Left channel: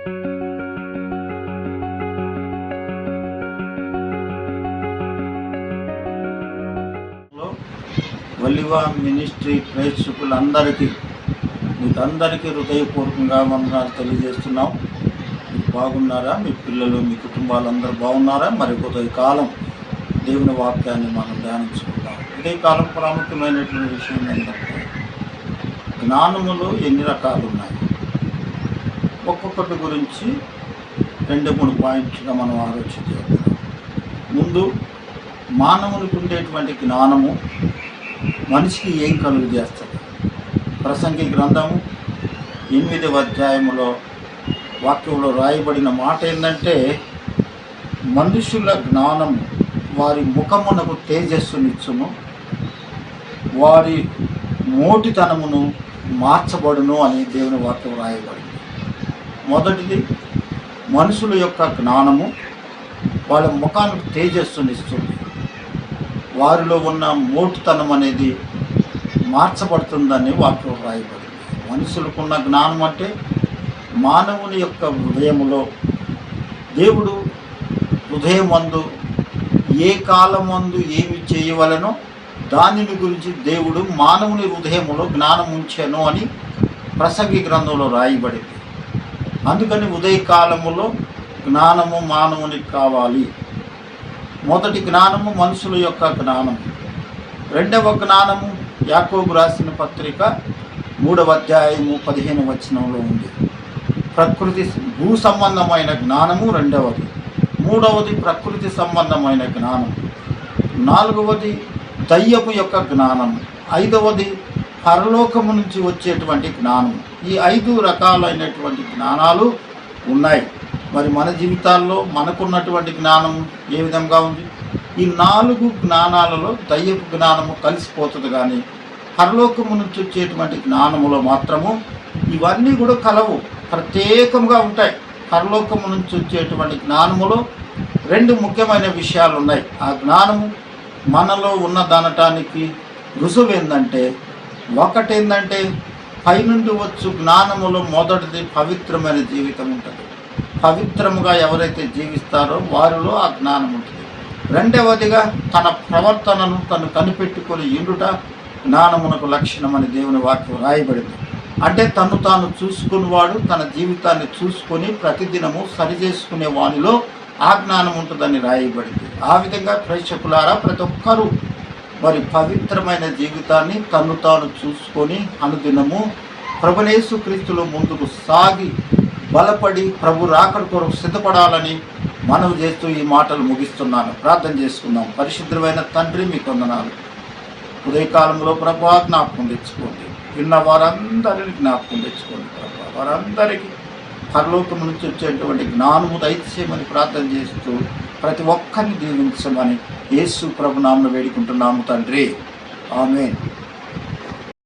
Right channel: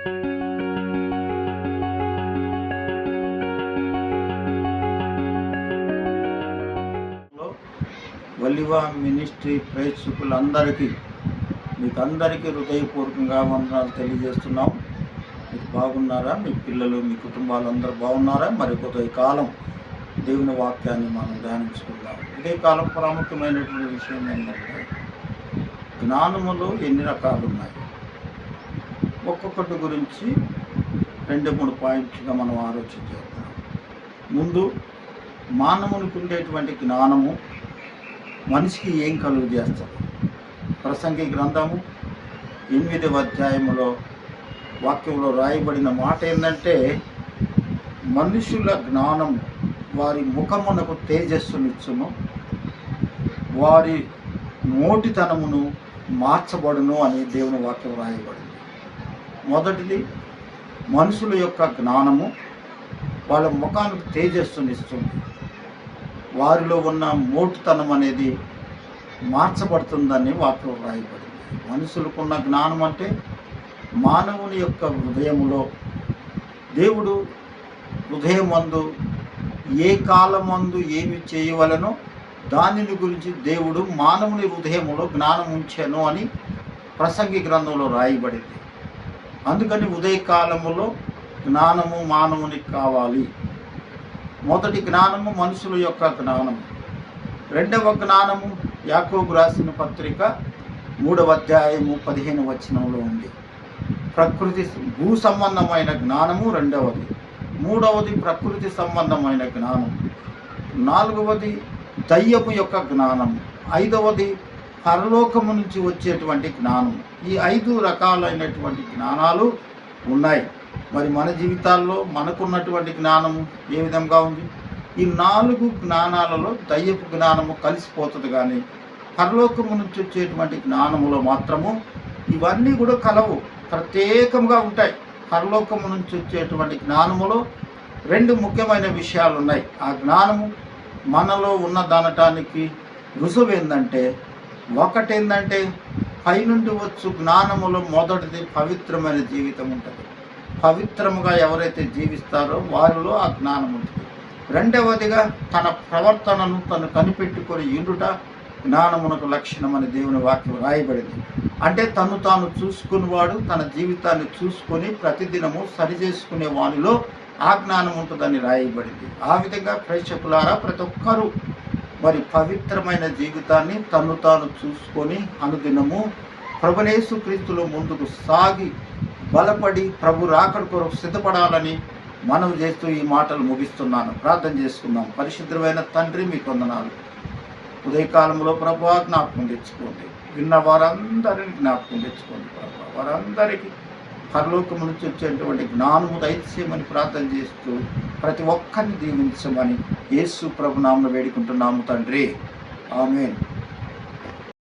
ఒలివా ministry ప్రేక్షకులందరికీ మీకందరికీ హృదయపూర్వకంగా వందనాలు తెలియజేస్తున్నాం. మీరు బాగున్నారా? మీ పిల్లలు, మీ కుటుంబాలందరూ బాగున్నారా? మరి ఉదయకాలం దేవుని వాక్యాన్ని మనం ధ్యానించుకుంటాం. ఉదయకాలం ప్రాముఖ్యమైనటువంటి విషయం ఏంటంటే, జ్ఞానములో ఎన్ని రకాలు ఉన్నాయి, ఒక్కొక్కటి గురించి 2-3 పాయింట్లుగా మనం ఆలోచన చేద్దాం. ముందు, మానవునికి ఉండేటువంటి జ్ఞానము మనిషికి ఏం కలుగు చేస్తుంది? ప్రసంగి గ్రంథము 8వ అధ్యాయంలో వాక్యంలో రాయబడిన మాట ఏంటంటే, మనుషుల జ్ఞానం వారి ముఖమునకు తేజస్సునిచ్చును, వారి మోటితనమును మార్చబడును అని దేవుని వాక్యం రాయబడింది. మొదటిది, మనుషుల యొక్క జ్ఞానము వాళ్ళ ముఖానికి తేజస్సునిస్తుంది, వారిలో ఉన్న మోటుతనం అనేది మార్చబడుతుందని వాక్యం రాయబడింది. మనుషులకున్న జ్ఞానం అంటే, మానవుని యొక్క హృదయములో దేవుడు హృదయమందు ఏ కాలమందు ఏమి చేయవలనో దానిని గురించి దేవుడు మానవుని హృదయములో జ్ఞానం ఉంచాను అని ప్రసంగి గ్రంథంలో రాయబడింది. అందుకని ఉదయకాలములో జ్ఞానము మానవునికి కావాలి. మొదటి జ్ఞానము మనుషుల యొక్క జ్ఞానము. రెండవ జ్ఞానము యాకోబు రాసిన పత్రిక 3వ అధ్యాయము 15వ వచనంలో ఉంది. ప్రకృతి భూ సంబంధమైన జ్ఞానము రెండవది. మూడవది ప్రకృతి సంబంధమైన జ్ఞానం. నాలుగవది దయ్యపు యొక్క జ్ఞానం. ఐదవది పరలోకము నుంచి వచ్చేటువంటి జ్ఞానం. ఈ 5 రకాలైనటువంటి జ్ఞానాలు ఉన్నాయి. మరి మన జీవితాల్లో మనకున్నటువంటి జ్ఞానం ఏ విధంగా ఉంది? ఈ 4 జ్ఞానాలలో దయ్యపు జ్ఞానము కలిసిపోతుంది, కానీ పరలోకము నుంచి వచ్చేటువంటి జ్ఞానములో మాత్రము ఇవన్నీ కూడా కలవు, ప్రత్యేకంగా ఉంటాయి. పరలోకము నుంచి వచ్చేటువంటి జ్ఞానములో 2 ముఖ్యమైన విషయాలు ఉన్నాయి. ఆ జ్ఞానము మనలో ఉన్నదనటానికి రుజువు ఏంటంటే, ఒకటేంటంటే పైనుండి వచ్చు జ్ఞానములో మొదటిది పవిత్రమైన జీవితం ఉంటుంది. పవిత్రముగా ఎవరైతే జీవిస్తారో వారిలో ఆ జ్ఞానం ఉంటుంది. రెండవదిగా తన ప్రవర్తనను తను కనిపెట్టుకొని ఇండుట జ్ఞానమునకు లక్షణమని దేవుని వాక్యం రాయబడింది. అంటే తను తాను చూసుకునేవాడు తన జీవితాన్ని చూసుకొని ప్రతిదినము సరిచేసుకునే వానిలో ఆ జ్ఞానం ఉంటుందని రాయబడింది. ఆ విధంగా ప్రేక్షకులారా, ప్రతి ఒక్కరూ మరి పవిత్రమైన జీవితాన్ని తను తాను చూసుకొని అనుదినము ప్రభుయేసు క్రీస్తులో ముందుకు సాగి బలపడి ప్రభు రాకడ కొరకు సిద్ధపడాలని మనవి చేస్తూ ఈ మాటలు ముగిస్తున్నాను. ప్రార్థన చేసుకుందాం. పరిశుద్ధమైన తండ్రి, మీకు వందనాలు. ఉదయకాలంలో ప్రభు జ్ఞాపకం తెచ్చుకోండి. విన్న వారందరినీ జ్ఞాపకం తెచ్చుకోండి ప్రభు. వారందరికీ పరలోకం నుంచి వచ్చేటువంటి జ్ఞానము దయచేయమని ప్రార్థన చేస్తూ ప్రతి ఒక్కరిని దీవించమని యేసు ప్రభు నామమున వేడుకుంటున్నాము తండ్రి. ఆమేన్.